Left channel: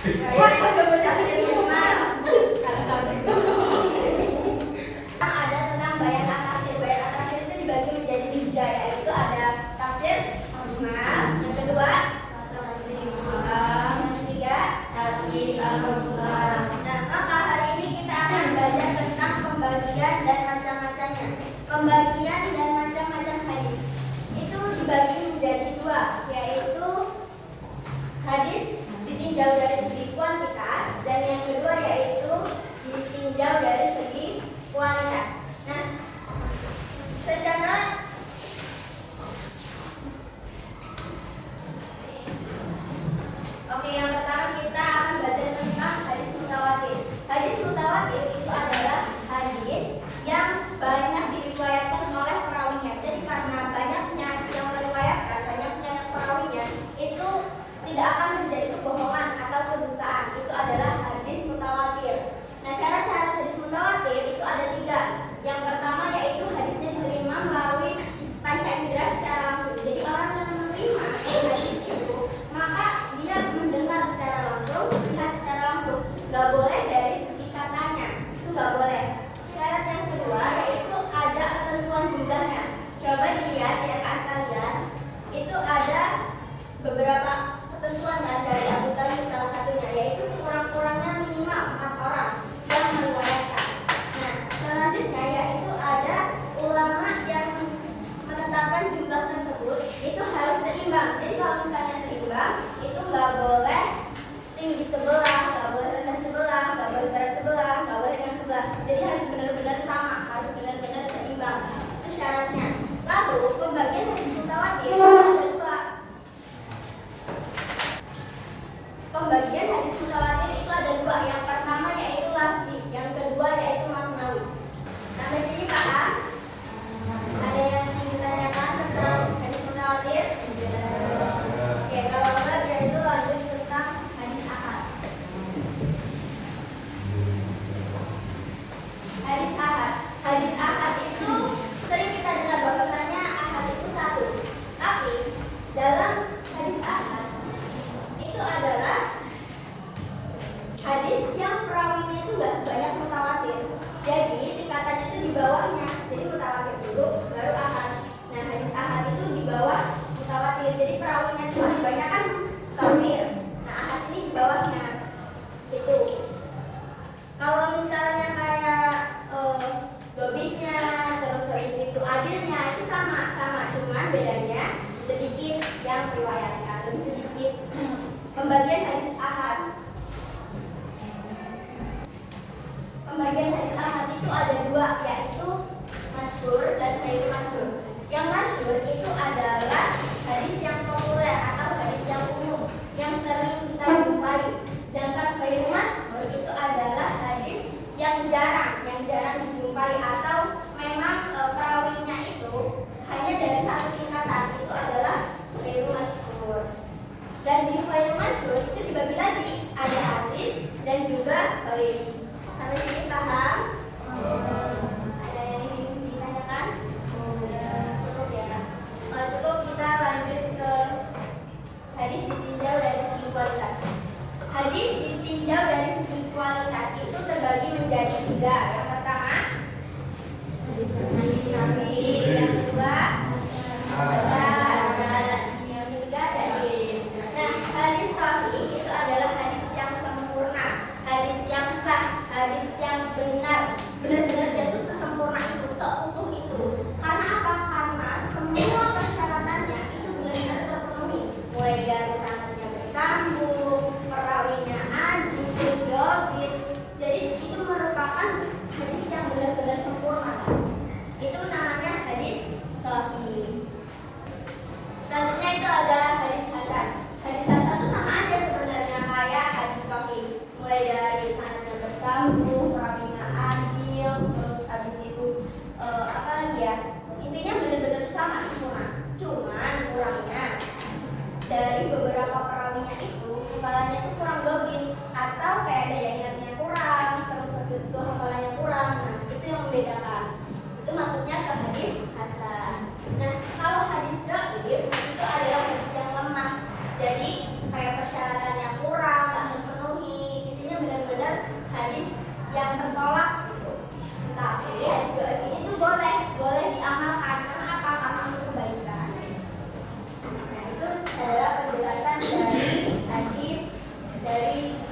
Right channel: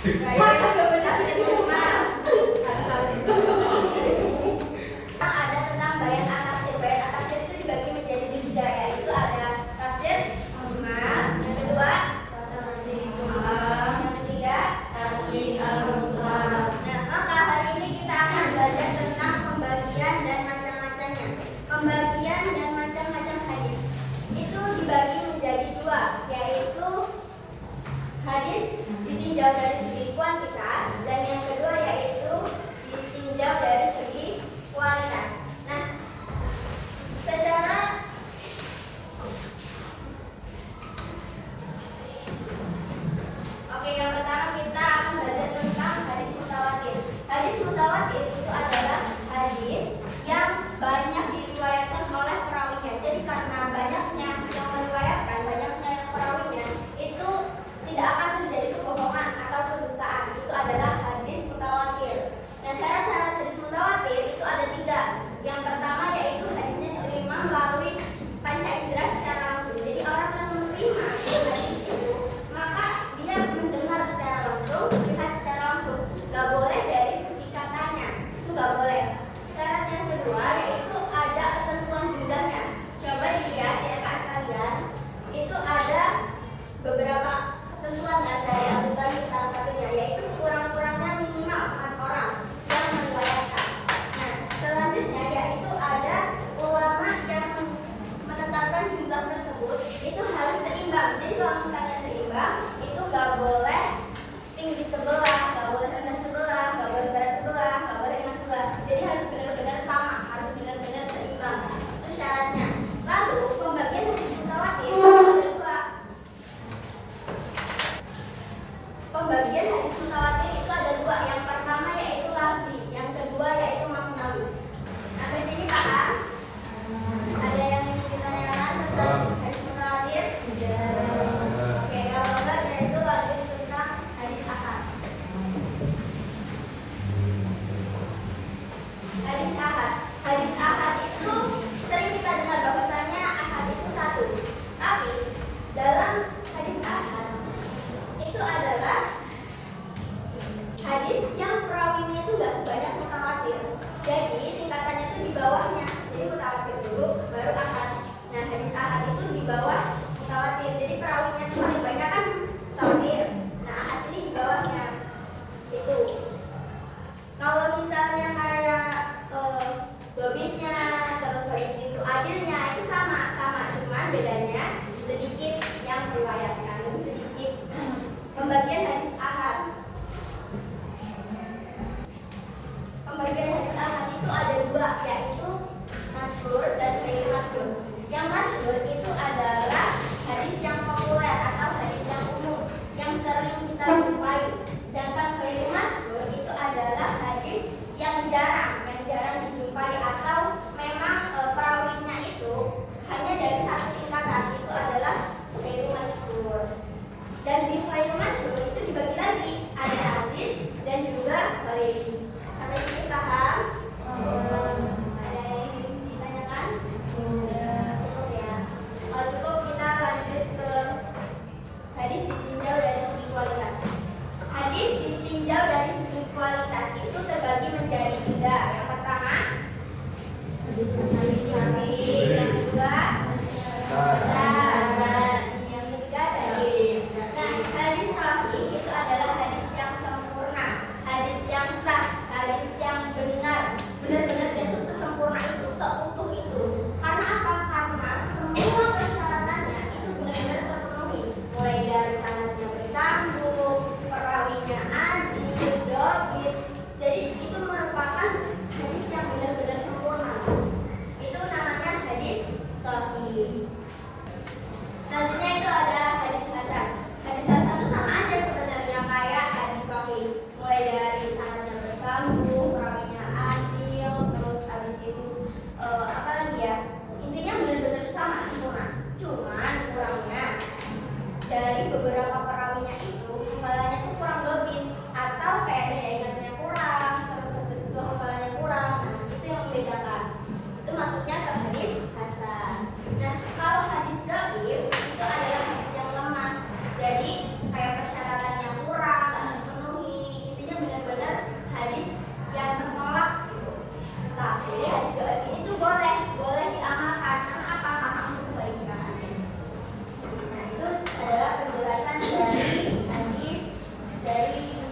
Ada tentang bayan atafsir. Bayan atafsir itu dibagi menjadi 3, yaitu ada tafsir mujmal, yang kedua tafsir sulam, yang ketiga tafsir al-mutlaq. Nah, maka hari ini kita akan belajar tentang pembagian dan macam-macamnya. Pembagian dan macam-macam hadis itu dibagi menjadi 2, yaitu hadis ditinjau dari segi kuantitas dan yang kedua yaitu ditinjau dari segi kualitas. Nah, yang pertama kita akan belajar tentang hadis mutawatir. Hadis mutawatir itu adalah hadis yang banyak diriwayatkan oleh perawinya. Jadi karena banyaknya yang meriwayatkan, banyaknya perawinya, itu tidak akan terjadi kebohongan atau kedustaan. Itu adalah hadis mutawatir. Nah, syarat-syarat hadis mutawatir itu ada 3. Yang pertama yaitu hadisnya diterima melalui panca indera secara langsung. Jadi orang yang menerima hadis itu, maka dia mendengar secara langsung, melihat secara langsung. Gak boleh dari segi katanya, itu gak boleh. Syarat yang kedua yaitu ada ketentuan jumlahnya. Coba dilihat ya kak sekalian, itu ada beberapa ketentuan dari Abu Thalib salah satunya, yaitu sekurang-kurangnya minimal 4 orang yang meriwayatkan. Nah, selanjutnya yaitu ada ulama yang menetapkan jumlah tersebut itu harus seimbang. Jadi kalau misalnya seimbang, itu nggak boleh tinggi sebelah, nggak boleh rendah sebelah, nggak boleh berat sebelah, nggak boleh ringan sebelah. Jadi harus benar-benar sama, harus benar-benar seimbang. Itu syaratnya. Lalu pembagian hadis mutawatir itu ada 2. Pembagian hadis mutawatir itu ada 2. Yang pertama yaitu lafzi, yang kedua yaitu maknawi. Sampai sini paham? Ada yang ditanyakan tentang hadis mutawatir? Oke, kalau enggak yaitu lanjut tentang hadis ahad. Hadis ahad. Hadis ahad itu sering kita dengar bahwasannya ahad itu 1. Tapi dalam hadis ahad itu adalah hadis yang perawinya itu nggak sebanyak mutawatir. Jadi tingkatannya itu di bawahnya. Jadi mutawatir dulu, baru ahad. Nah, hadis ahad itu di bawah mutawatir. Jadi perawinya itu paling banyak kan mutawatir. Nah, ahad ini di bawahnya. Itu. Kalau misalnya kayak dobitnya, terus habis itu adilnya itu sama, cuma bedanya sedikit yang meriwayatkan, lebih sedikit. Pembagian hadis ahad. Pembagian hadis ahad itu ada 2, yaitu masyhur dan ghairu masyhur. Yang masyhur itu adalah hadis yang populer atau hadis yang umum, yang sering kita jumpai. Sedangkan ghairu masyhur itu adalah hadis yang jarang dijumpai atau memang perawinya itu hanya dari 1 tingkatan. Itu adalah ghairu masyhur. Dan di ghairu masyhur itu dibagi lagi, ada aziz dan juga gharib. Sampai sini paham? Ada yang ditanyakan? Cukup ya. Kalau cukup kita lanjut ke hadis ditinjau dari segi kualitas. Hadis ditinjau dari segi kualitas itu terbagi menjadi 3. Yang pertama hadis nabi, yang kedua hasan, yang ketiga dhaif. Nah, hadis sahih itu adalah hadis yang sempurna, hadis yang sah, hadis yang benar, benar-benar dia itu sesempurna itu, seutuh itu. Karena apa? Karena semua persyaratannya itu benar-benar terpenuhi, mulai dari sanadnya bersambung, perawinya adil, dobit. Jadi itu merupakan hadis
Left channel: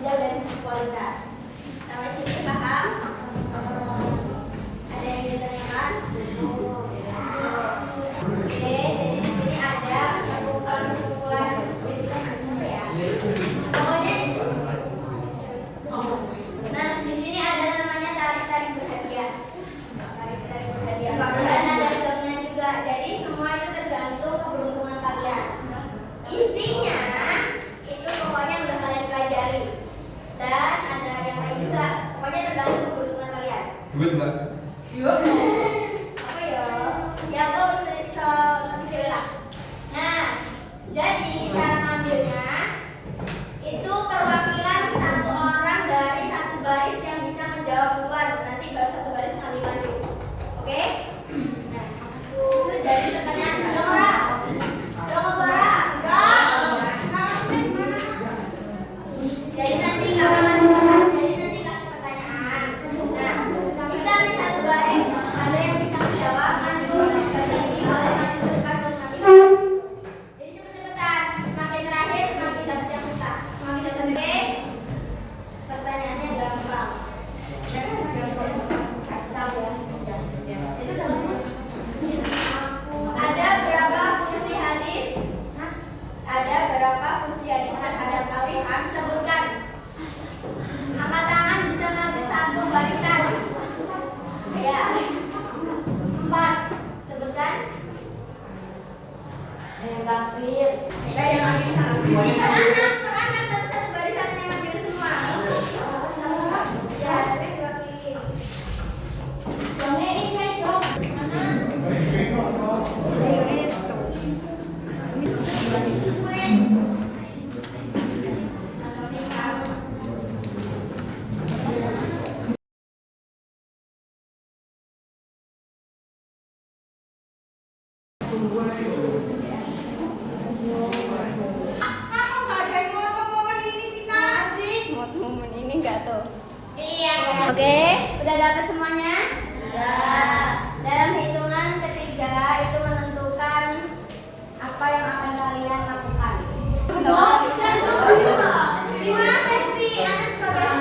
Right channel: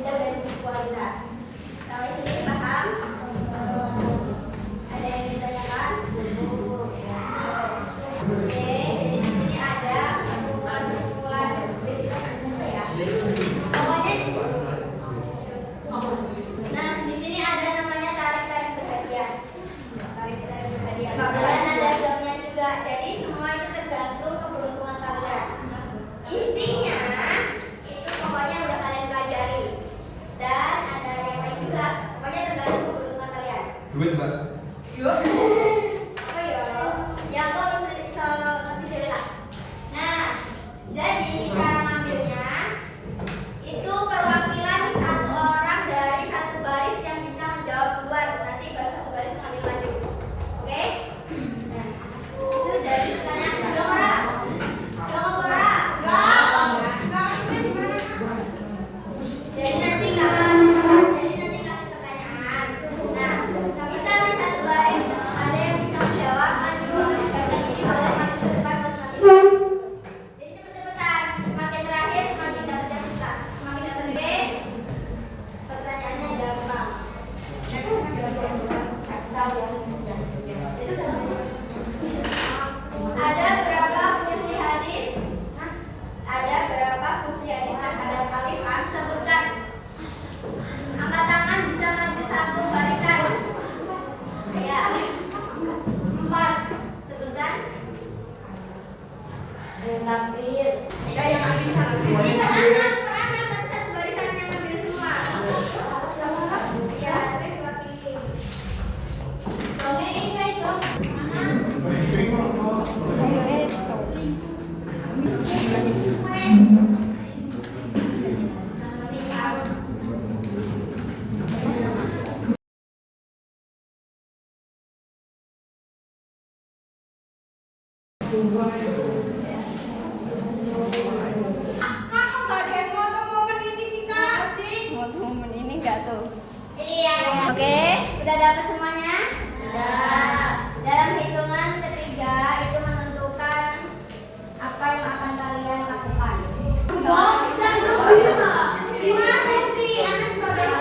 bidang dari seksualitas. Sampai sini paham? Ada yang ditanyakan? Oke, jadi di sini ada kumpulan-kumpulan ya. Pokoknya, nah di sini ada namanya tarik-tarik berhadiah. Tarik-tarik berhadiah. Dan ada jamnya juga. Jadi semua itu tergantung keberuntungan kalian. Isinya itu pokoknya udah kalian pelajari. Dan ada yang lain juga. Pokoknya tergantung keberuntungan kalian. Duit, Mbak. Yuk. Apa ya? Ya kok bisa ngerti cewek lah. Nah, jadi cara ngambilnya itu perwakilan satu orang dari satu baris yang bisa menjawab duluan. Nanti baru satu baris ngambil maju. Oke? Nah, itu dari pertanyaan Dora. Dora. Jadi nanti kasih pertanyaan. Nah, bisa nih satu baris ada yang bisa menjawab maju. Dan ini boleh maju ke depan buat ngambil. Jadi cepet-cepetan. Semakin terakhir semakin dapat yang susah. Semakin dapat. Oke? Pertanyaannya gampang. Kasih tahu ya. Itu gampang. Ada berapa fungsi hadis? Ada berapa fungsi hadis terhadap Al-Quran? Sebutkan. Angkat tangan bisa maju satu barisan. Ya. 4. Sebutkan. Tafsir. Ya, yang ambil satu. Ini per anak tapi satu barisan yang ambil semua. Ya, saya diwakili. Ini saya jawab. Oke, udah dapat semuanya? Udah. Dalam hitungan ketiga itu menentukan apa yang akan kalian lakukan. Gimana sih? Anak sebagai